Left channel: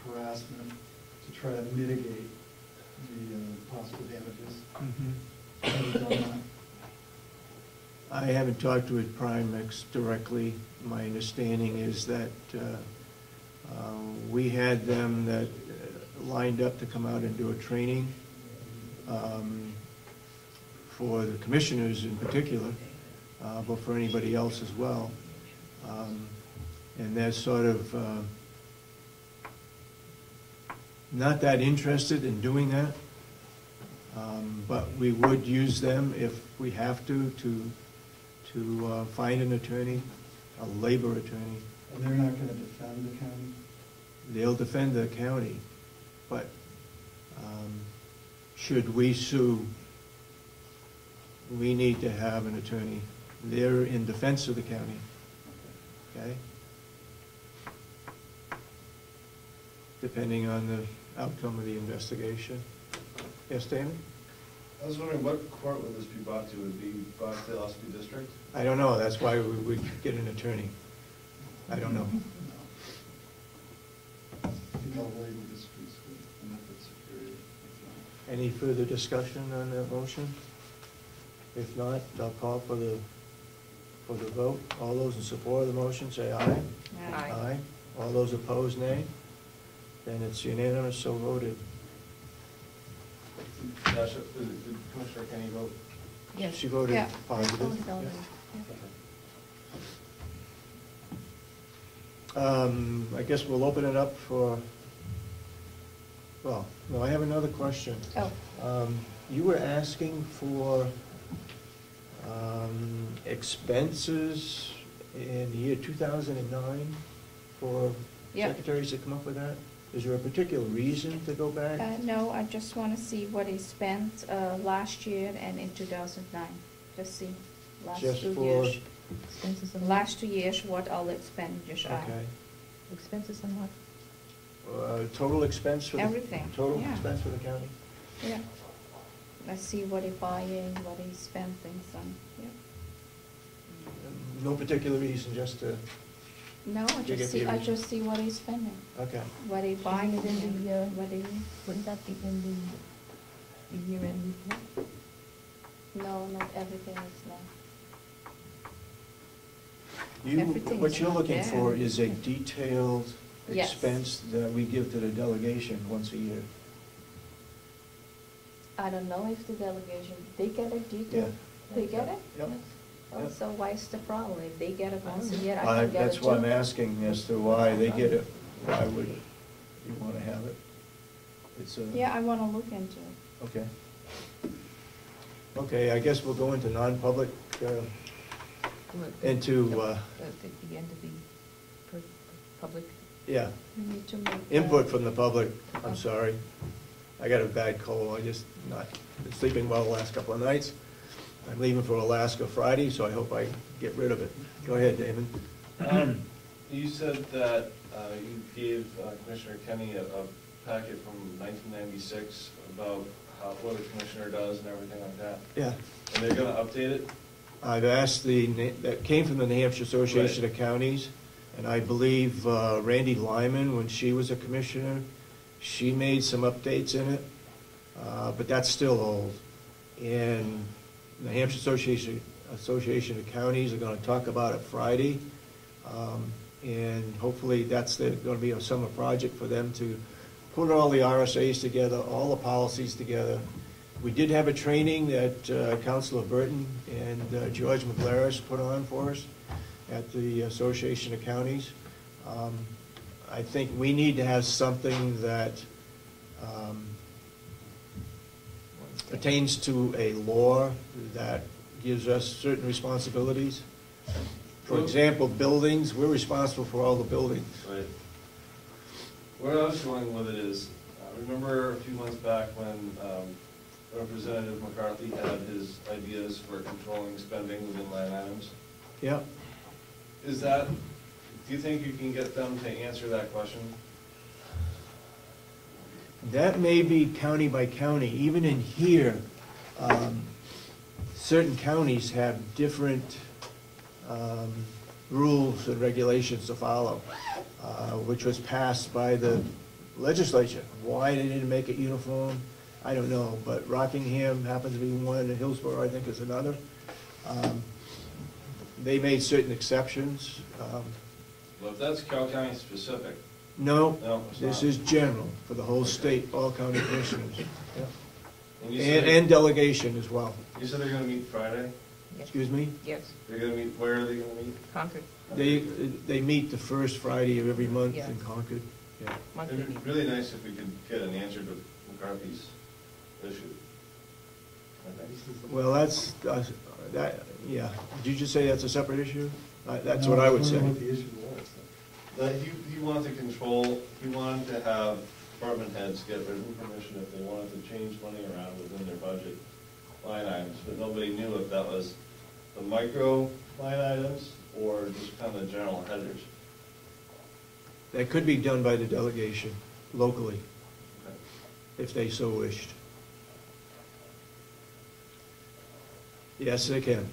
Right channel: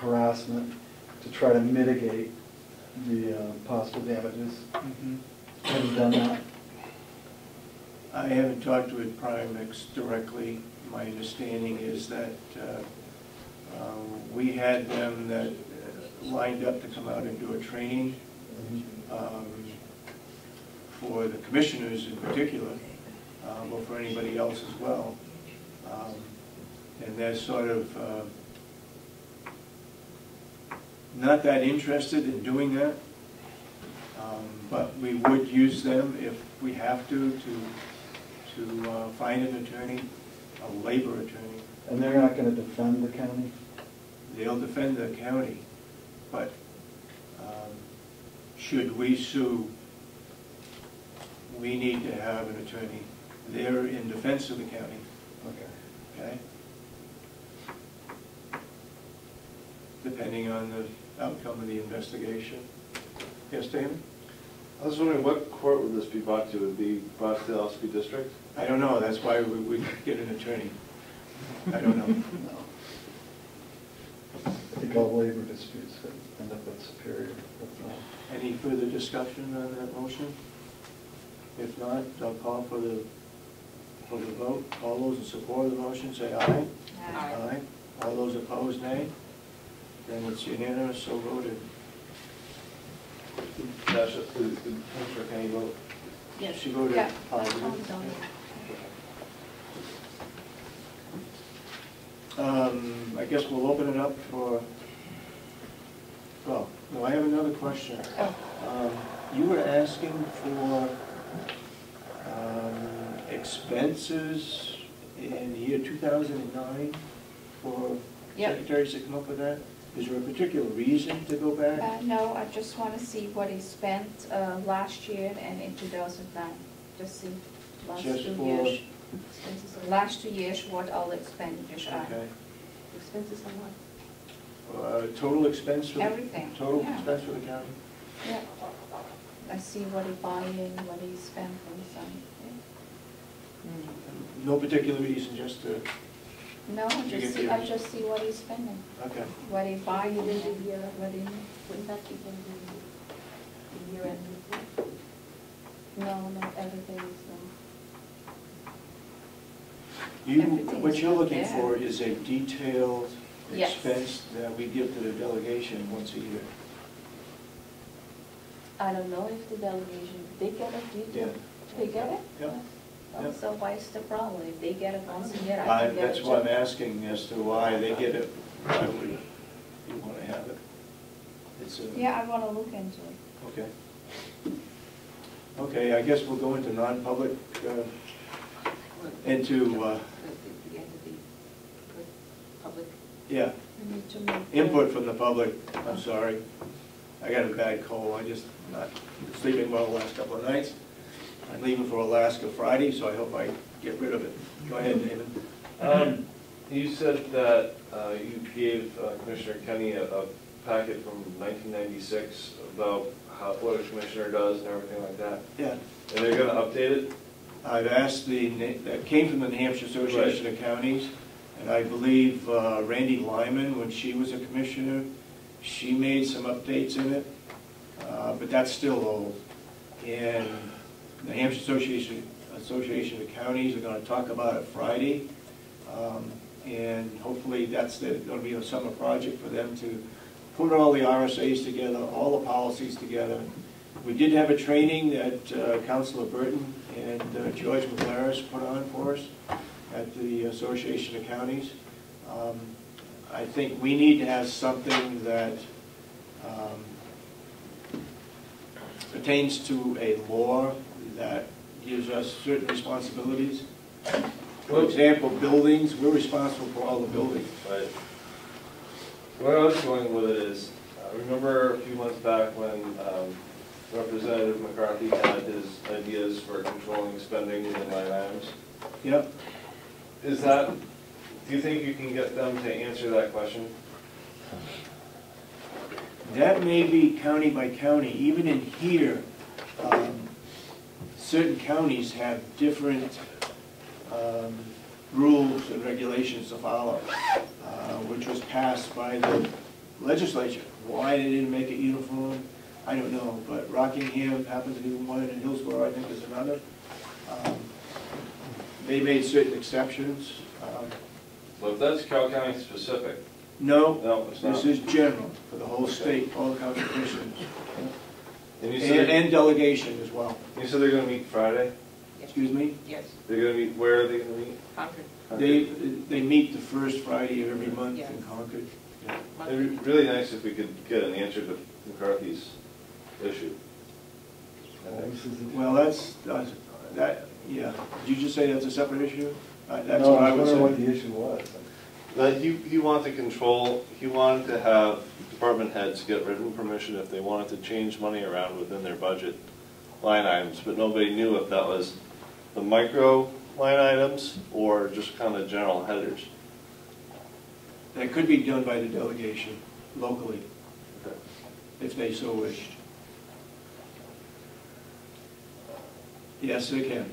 harassment to try to mitigate the possible damages. Have you done that? I haven't talked with Primex directly. My understanding is that we had them that lined up to come out and do a training for the commissioners in particular, but for anybody else as well. And they're sort of not that interested in doing that, but we would use them if we have to find an attorney, a labor attorney. And they're not going to defend the county? They'll defend the county, but should we sue, we need to have an attorney. They're in defense of the county. Okay? Depending on the outcome of the investigation. Yes, Dan? I was wondering what court would this be brought to? Would it be brought to the LSP district? I don't know. That's why we would get an attorney. I don't know. No. I think all labor disputes could end up at Superior. Any further discussion on that motion? If not, I'll call for the vote. All those in support of the motion say aye. Aye. All those opposed, nay. Then it's unanimous, so voted. Nash, did Commissioner Kenny vote? Yes. She voted Yeah. positive. I guess we'll open it up for, well, no, I have another question. Oh. You were asking for expenses in year 2009 for secretaries to come up with that? Is there a particular reason to go back? No, I just want to see what he spent last year and in 2009. Just see last Just 2 for years. Expenses on Last 2 years, what all the expenditures are. Okay. Expenses on what? Total expense for Everything. Total Yeah. expense for the county? Yeah. Let's see what he bought in, what he spent and some. No particular reason, just to, No, I just see what he's spending. okay. What he buying Wouldn't and the, what he. wouldn't that be in the year-end report? No, not everything is no. What Everything's you're not looking there. for is a detailed Yes. expense that we give to the delegation once a year. I don't know if the delegation, they get it, you do? Yeah. They get it? Yeah. Well, so why's the problem? If they get it once a year, I can get it That's why I'm too. asking as to why they get it. Why would you want to have it? It's a, Yeah, I wanna look into it. okay. Okay, I guess we'll go into non-public, into, At the end of the public. yeah, We need to make. input from the public. I'm sorry. I got a bad cold. I just not sleeping well the last couple of nights. I'm leaving for Alaska Friday, so I hope I get rid of it. Go ahead, David. You said that you gave Commissioner Kenny a packet from 1996 about what a commissioner does and everything like that. Yeah. And they're going to update it? I've asked that came from the New Hampshire Association of Counties, and I believe Randy Lyman, when she was a commissioner, she made some updates in it, but that's still old. And the New Hampshire Association of Counties are going to talk about it Friday, and hopefully that's going to be a summer project for them to put all the RSAs together, all the policies together. We did have a training that Councilor Burton and George McLaris put on for us at the Association of Counties. I think we need to have something that pertains to a law that gives us certain responsibilities. For example, buildings, we're responsible for all the buildings. Right. Where I was going with it is, remember a few months back when Representative McCarthy had his ideas for controlling spending within line items? Yep. Is that, do you think you can get them to answer that question? That may be county by county. Even in here, certain counties have different rules and regulations to follow, which was passed by the legislature. Why they didn't make it uniform, I don't know, but Rockingham happens to be one, and Hillsborough, I think, is another. They made certain exceptions. Well, if that's Carroll County specific, No, no, it's not. this is general for the whole state, all county commissioners, And you said, and delegation as well. you said they're gonna meet Friday? Excuse me? Yes, They're gonna meet, where are they gonna meet? Concord. They meet the first Friday of every month Yeah. in Concord. Yeah. It'd be really nice if we could get an answer to McCarthy's issue. Well, that, yeah. Did you just say that's a separate issue? That's No, what I would wondering what say. the issue was. That he wanted to control, he wanted to have department heads get written permission if they wanted to change money around within their budget line items, but nobody knew if that was the micro line items or just kind of general headers. That could be done by the delegation locally, if they so wished. Yes, they can.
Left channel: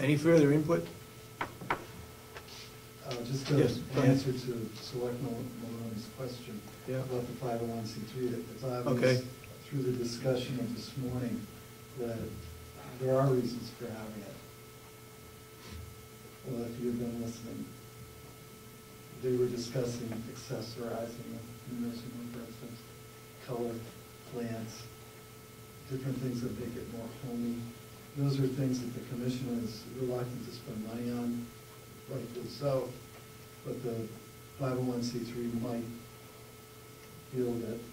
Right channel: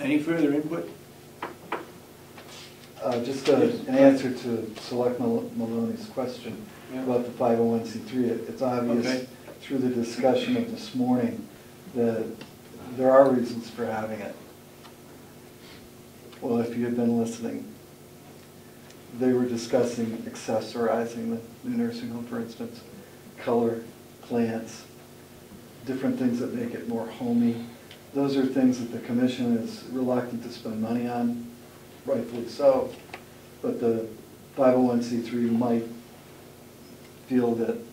Any further input? Just Yes. an answer to Selectman Maloney's question Yeah. about the 501c3. It's obvious Okay. through the discussion of this morning that there are reasons for having it. Well, if you had been listening, they were discussing accessorizing the new nursing home, for instance, color, plants, different things that make it more homey. Those are things that the commission is reluctant to spend money on, rightfully so, but the 501c3 might feel that it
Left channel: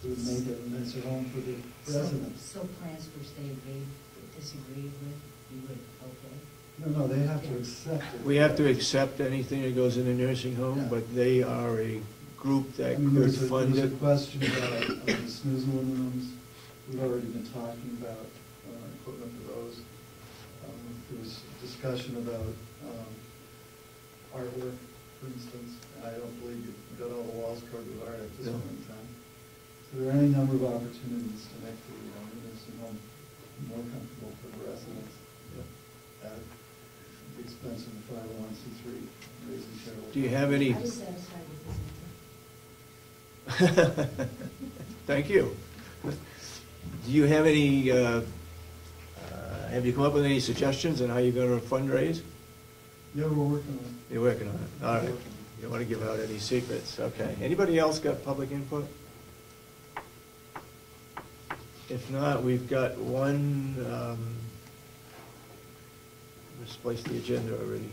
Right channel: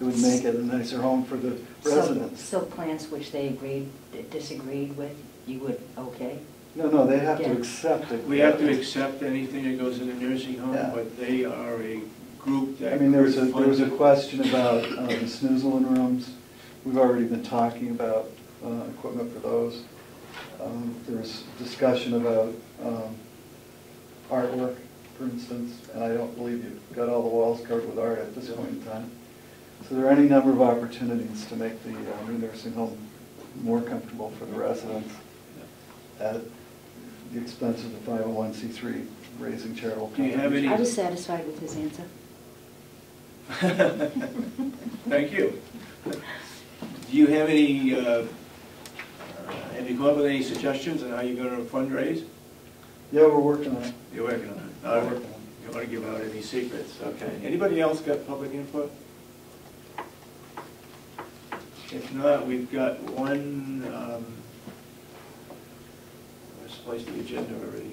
would make it a nicer home for the residents. So plants which they disagreed with, you would, okay? No, they have to Yeah. accept it. We have to accept anything that goes in a nursing home, Yeah. but they are a group that I mean, there could was a fund it. question about the snoozling rooms. We've already been talking about equipment for those. There was discussion about artwork, for instance, and I don't believe you've got all the walls covered with art at this Yeah. point in time. So there are any number of opportunities to make the new nursing home more comfortable for the residents at the expense of the 501c3, raising charitable. Do you have any? I was satisfied with his answer. Thank you. Do you have any, have you come up with any suggestions on how you're gonna fundraise? Yeah, we're working on it. You're working on it. We're All right. working on it. You don't want to give out any secrets, okay. Anybody else got public input? If not, we've got one, misplaced the agenda already.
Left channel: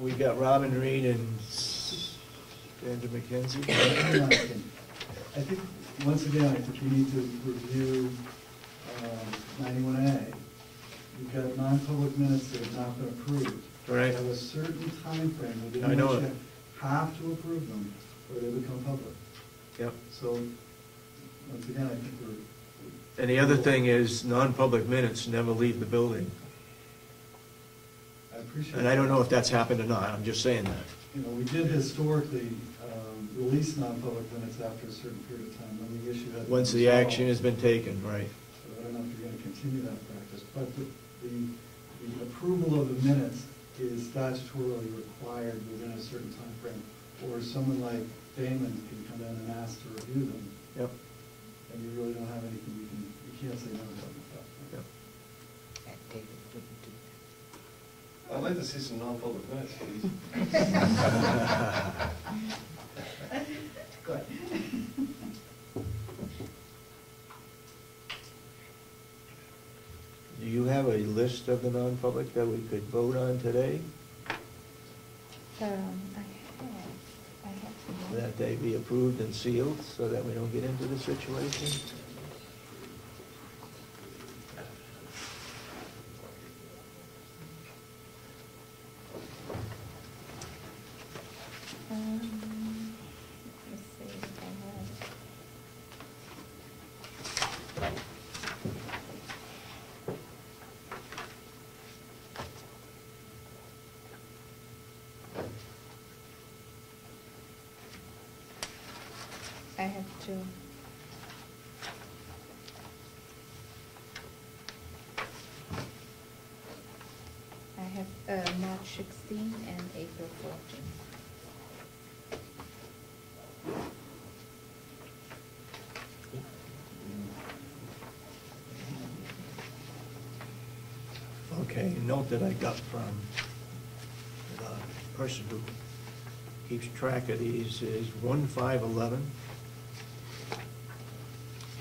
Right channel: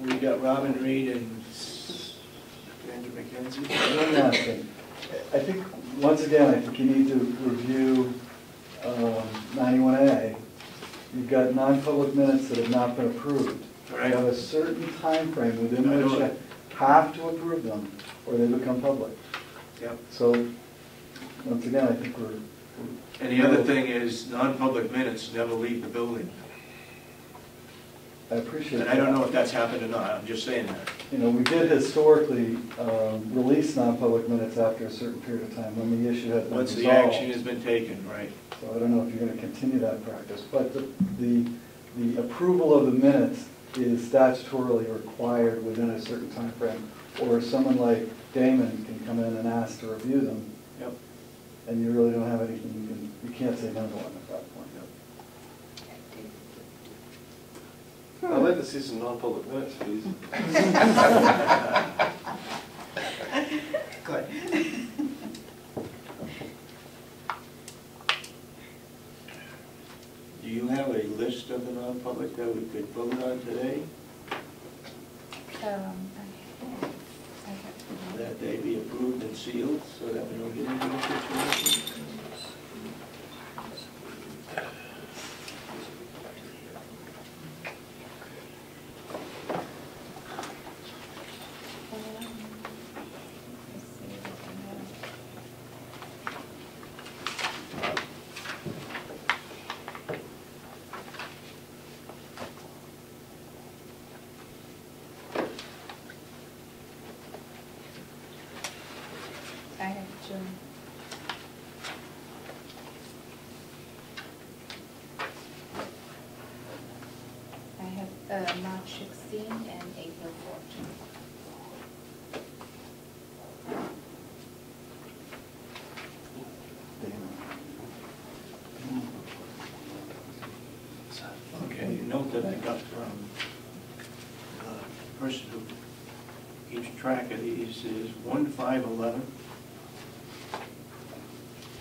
We got Robin Reed and Andrew McKenzie. One last thing. I think, once again, I think you need to review 91A. You've got non-public minutes that have not been approved. Right. You have a certain time frame I within know which it. you have to approve them, or they become public. Yep. So, once again, I think we're. And the other thing is, non-public minutes never leave the building. I appreciate that. And I don't know if that's happened or not, I'm just saying that. You know, we did historically release non-public minutes after a certain period of time when the issue had been Once the resolved. action has been taken, right. So I don't know if you're gonna continue that practice, but the approval of the minutes is statutorily required within a certain time frame, or someone like Damon can come in and ask to review them, Yep. and you really don't have anything, you can't say no to them at that point. I'd like to see some non-public minutes, please. Good. Do you have a list of the non-public that we could vote on today, I have to. that they be approved and sealed, so that we don't get into this situation? Let's see what I have. I have two. March 16 and April 14. Okay, note that I got from the person who keeps track of these is 1/5/11,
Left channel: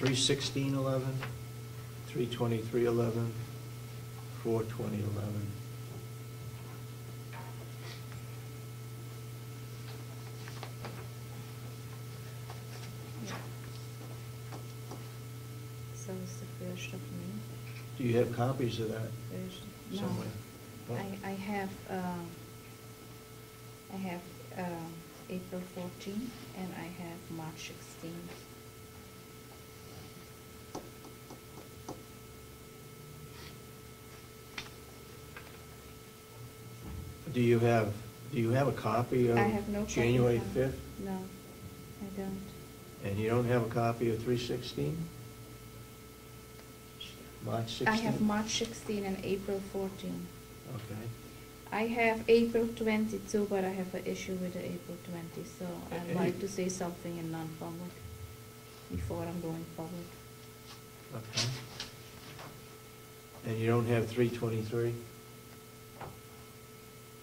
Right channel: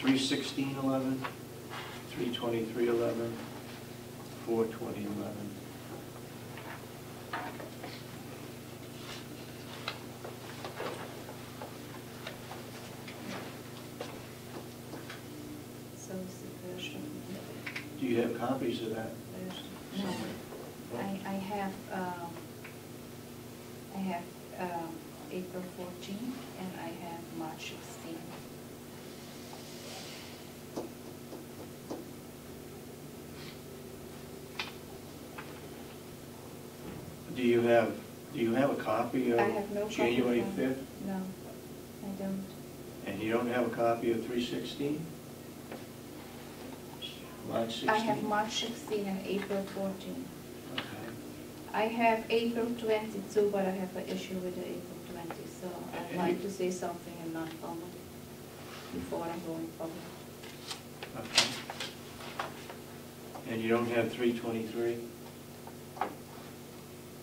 3/16/11, 3/23/11, 4/20/11. So it's the first of May. Do you have copies of that No. somewhere? I have April 14 and I have March 16. Do you have a copy of I have no copy January of 5th? No, I don't. And you don't have a copy of 3/16? March 16? I have March 16 and April 14. Okay. I have April 22, but I have an issue with the April 20, so I'd like to say something in non-public before I'm going public. Okay. And you don't have 3/23?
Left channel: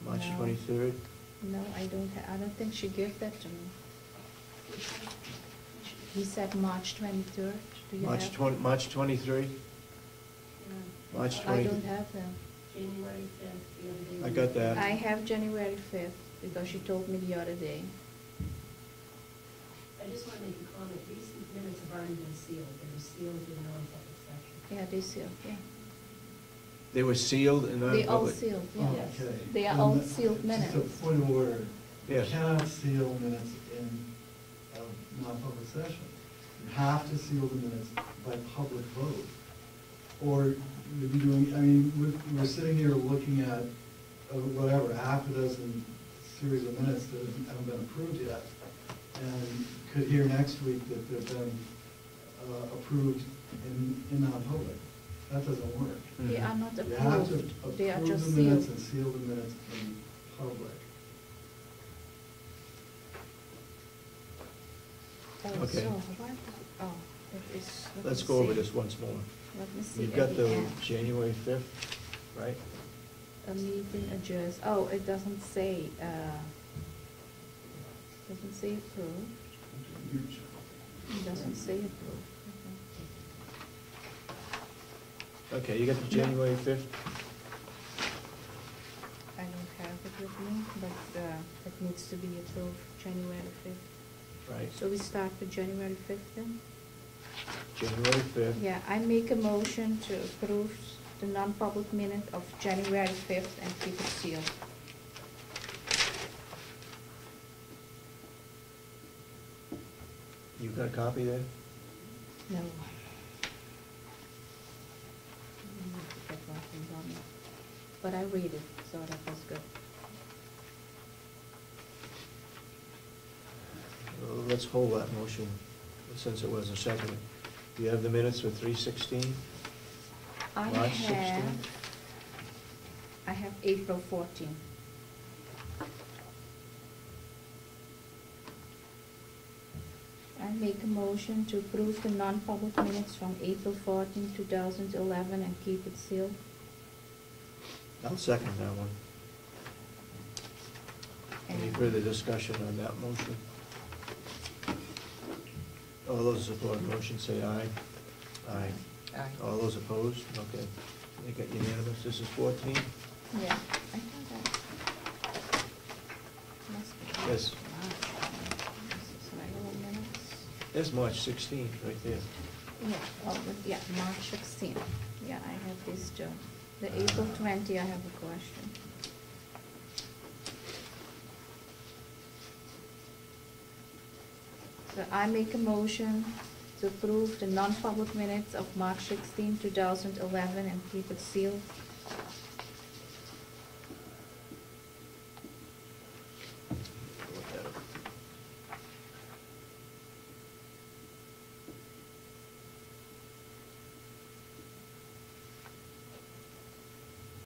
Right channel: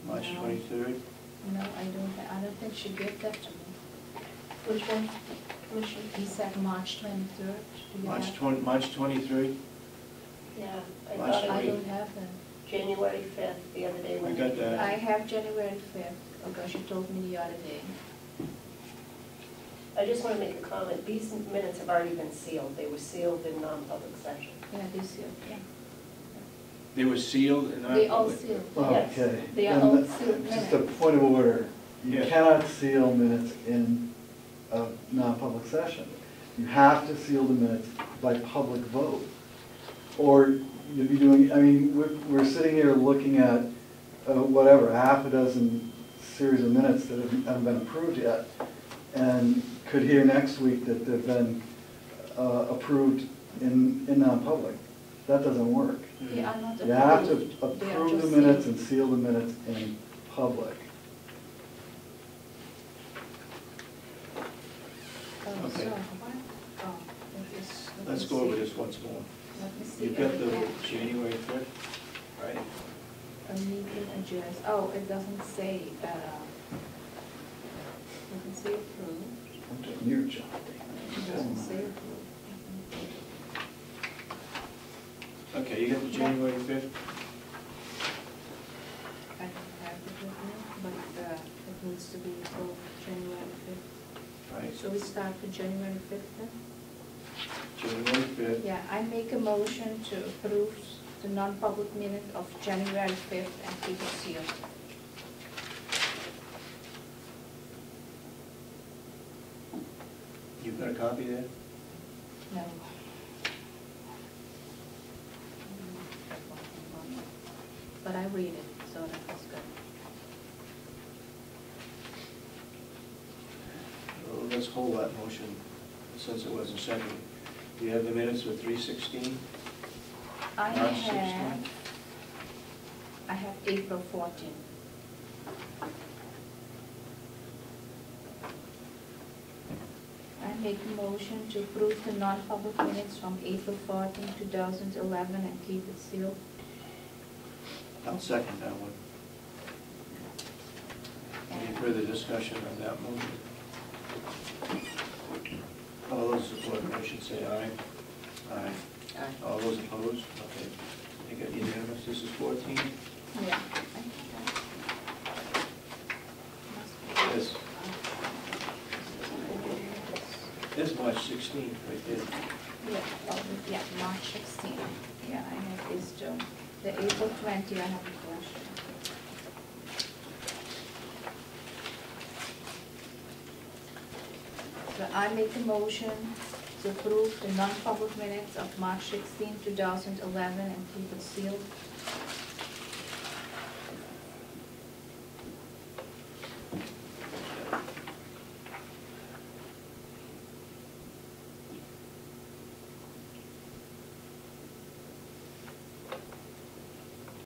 March No. 23rd? No, I don't think she gave that to me. Which one? Which one? You said March 23rd. Do you March have- March 23? Yeah, I March thought I it 20. don't have that. was January 5th, the other day. I got that. I have January 5th, because she told me the other day. I just want to make a comment. These minutes have already been sealed. They were sealed in non-public session. Yeah, they sealed, yeah. They were sealed and They all non-public? sealed. Yes. Okay. They are And all sealed Just a minutes. point of order, you Yes. cannot seal minutes in a non-public session. You have to seal the minutes by public vote. Or you'd be doing, I mean, we're sitting here looking at, whatever, half a dozen series of minutes that haven't been approved yet, and could hear next week that they've been approved in non-public. That doesn't work. They are not approved. You have to They are approve just the minutes sealed. and seal the minutes in public. Oh, Okay. so, what? Oh, it is. let Let's me go over see. this once more. Let me see. You've got the Yeah. January 5th, right? A meeting address, oh, it doesn't say, approved. I'm doing your job. It doesn't say approved. Okay, you got the January 5th? I don't have it with me, but it needs to be approved January 5th. Right. So we start the January 5th then? January 5th. Yeah, I make a motion to approve the non-public minute of January 5th and keep it sealed. You've got a copy there? No. But I read it, so that was good. Well, let's hold that motion since it wasn't seconded. You have the minutes for 3/16? I March 16? have April 14. I make a motion to approve the non-public minutes from April 14, 2011 and keep it sealed. I'll second that one. Any And further discussion on that motion? All those support the motion say aye. Aye. All those opposed? Okay. You got unanimous. This is 14? yeah. Yes. This is March 16th right there. Yeah, yeah, March 16. Yeah, I have this too. The April 20, I have a question. So I make a motion to approve the non-public minutes of March 16, 2011 and keep it sealed.